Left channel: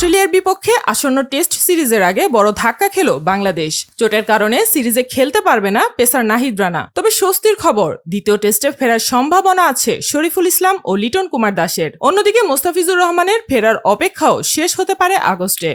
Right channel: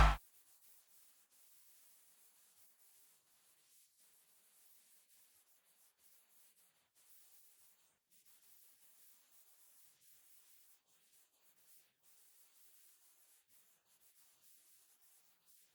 অস্ট্রেলিয়ার বিপক্ষে আসন্ন টেস্ট সিরিজের আগে বড় ধাক্কা খেল বাংলাদেশ। চোটের কারণে সিরিজে খেলতে পারবে না পেসার নাহিদ রানা। তবে স্বস্তির খবর, দ্বিতীয় টেস্টে ফেরার সম্ভাবনা আছে শরীফুল ইসলাম ও লিটন কুমার দাসের। অন্যদিকে মোস্তাফিজুর রহমানের ফেরার অপেক্ষাও শেষ হতে পারে আগস্টে।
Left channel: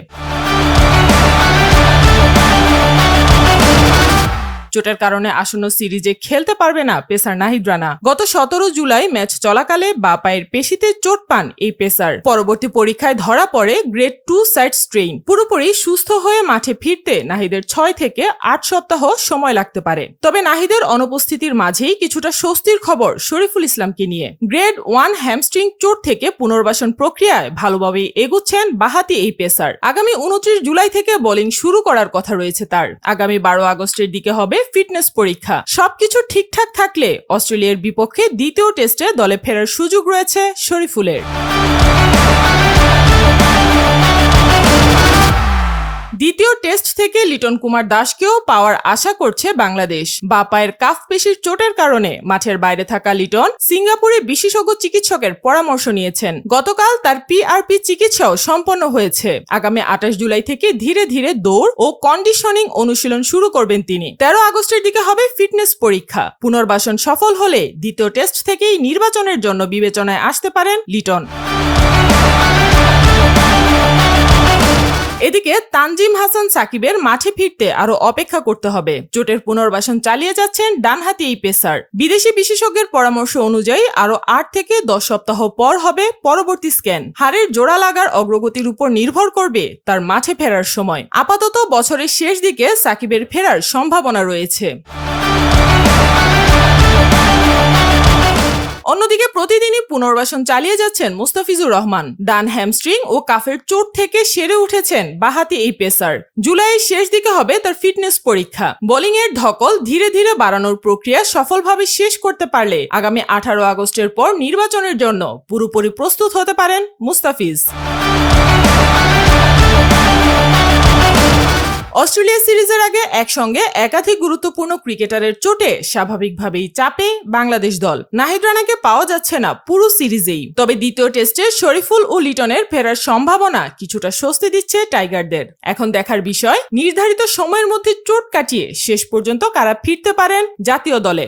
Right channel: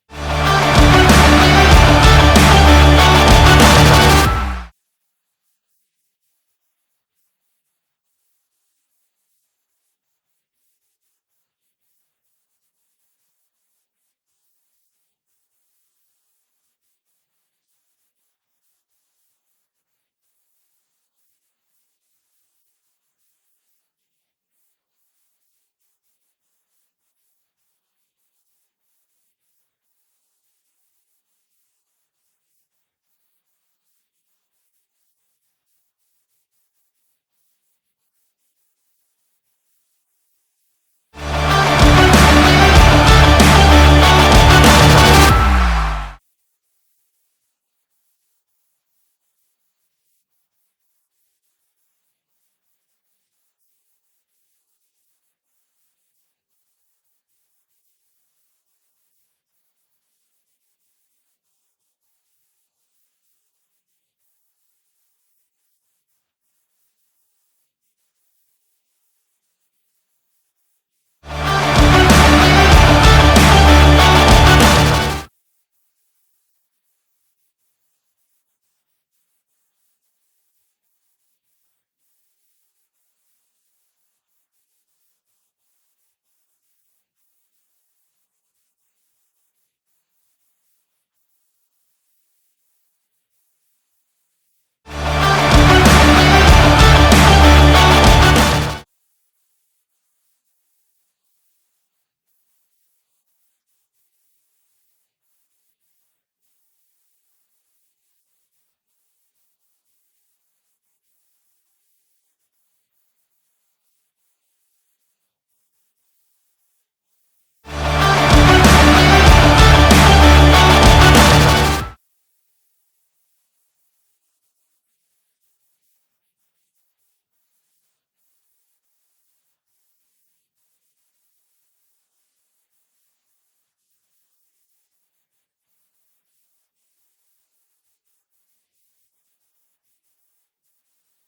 চোটের কারণে আসন্ন সিরিজে খেলতে পারবে না পেসার নাহিদ রানা। গত 17 জুলাই ম্যাচ চলাকালে বাঁ পায়ের পেশিতে চোট পান এই পেসার। পরবর্তী পরীক্ষায় ধরা পড়ে গ্রেড 2 সাইড স্ট্রেইন। পুরোপুরি সুস্থ হয়ে মাঠে ফিরতে নাহিদের 6 থেকে 8 সপ্তাহ সময় লাগতে পারে। তবে নাহিদের অনুপস্থিতির মাঝেই কিছুটা স্বস্তির খবর শরীফুল ইসলামকে নিয়ে। গ্রেড 1 হ্যামস্ট্রিং চোট থেকে পুনর্বাসন প্রক্রিয়ায় ভালোভাবেই এগুচ্ছেন বাঁহাতি এই পেসার। আগামী 29 জুলাই থেকে বোলিং শুরু করার কথা রয়েছে তার। আগামী 12 আগস্টের দিকে হবে ফিটনেস পরীক্ষা। সবকিছু ঠিকঠাক থাকলে অস্ট্রেলিয়ার বিপক্ষে দ্বিতীয় টেস্টে দলে ফেরার সুযোগ রয়েছে শরীফুলের। দ্বিতীয় টেস্ট থেকে লিটন কুমার দাসকেও পাওয়ার আশা করছে বাংলাদেশ। বাঁ পায়ের কাফ পেশির চোটের কারণে মাঠের বাইরে থাকা লিটন সিঙ্গাপুরে বিশেষজ্ঞ চিকিৎসকের পরামর্শ নিয়েছেন। গতকাল তার PRP চিকিৎসাও সম্পন্ন হয়েছে। আগামী 28 জুলাই থেকে ধীরে ধীরে দৌড় ও কন্ডিশনিং অনুশীলন শুরু করবেন তিনি। 13 আগস্টের দিকে হবে ফিটনেস পরীক্ষা। পুনর্বাসন সফল হলে দ্বিতীয় টেস্ট থেকেই নির্বাচনের জন্য বিবেচনায় আসতে পারেন লিটন। এদিকে তানজিম হাসান সাকিবের মাঠে ফিরতে আরো অপেক্ষা করতে হবে। চোটের পুনর্বাসন চালিয়ে যাচ্ছেন ডানহাতি এই পেসার। বিদেশি বিশেষজ্ঞের পরামর্শ অনুযায়ী আরো 8 থেকে 10 সপ্তাহ পর হবে পরবর্তী স্ক্যান। হাড়ের জোড়া লাগার অগ্রগতির উপর নির্ভর করবে তার মাঠে ফেরার সময়। আপাতত বছরের শেষ দিকে সাকিবের ফেরার সম্ভাবনা রয়েছে। অন্যদিকে প্রতিদিনই পুনর্বাসন চালিয়ে যাচ্ছেন মোস্তাফিজুর রহমান। ডান হ্যামস্ট্রিং ও কাফের চোট থেকে সেরে উঠেছেন বাঁহাতি এই পেসার। জুলাইয়ের শেষ দিকে হবে তার ফিটনেস পরীক্ষা। বোলিং এর ধকল ধীরে ধীরে বাড়ানোর প্রক্রিয়া সফলভাবে শেষ করতে পারলে আগামী 18 আগস্টের পর নির্বাচনের জন্য পুরোপুরি প্রস্তুত হতে পারেন মুস্তাফিজ। অস্ট্রেলিয়া সিরিজের আগে একসঙ্গে একাধিক গুরুত্বপূর্ণ ক্রিকেটারের চোটে স্বাভাবিকভাবেই চাপে বাংলাদেশ দল। নাহিদ রানাকে পাওয়া যাচ্ছে না পুরো সিরিজেই। তবে দ্বিতীয় টেস্টে শরীফুল ও লিটনের ফেরার সম্ভাবনা কিছুটা স্বস্তি দিচ্ছে টাইগারদের। এখন দেখার বিষয়, নির্ধারিত সময়ের মধ্যে চোট কাটিয়ে শেষ পর্যন্ত কারা ফিরতে পারেন জাতীয় দলে।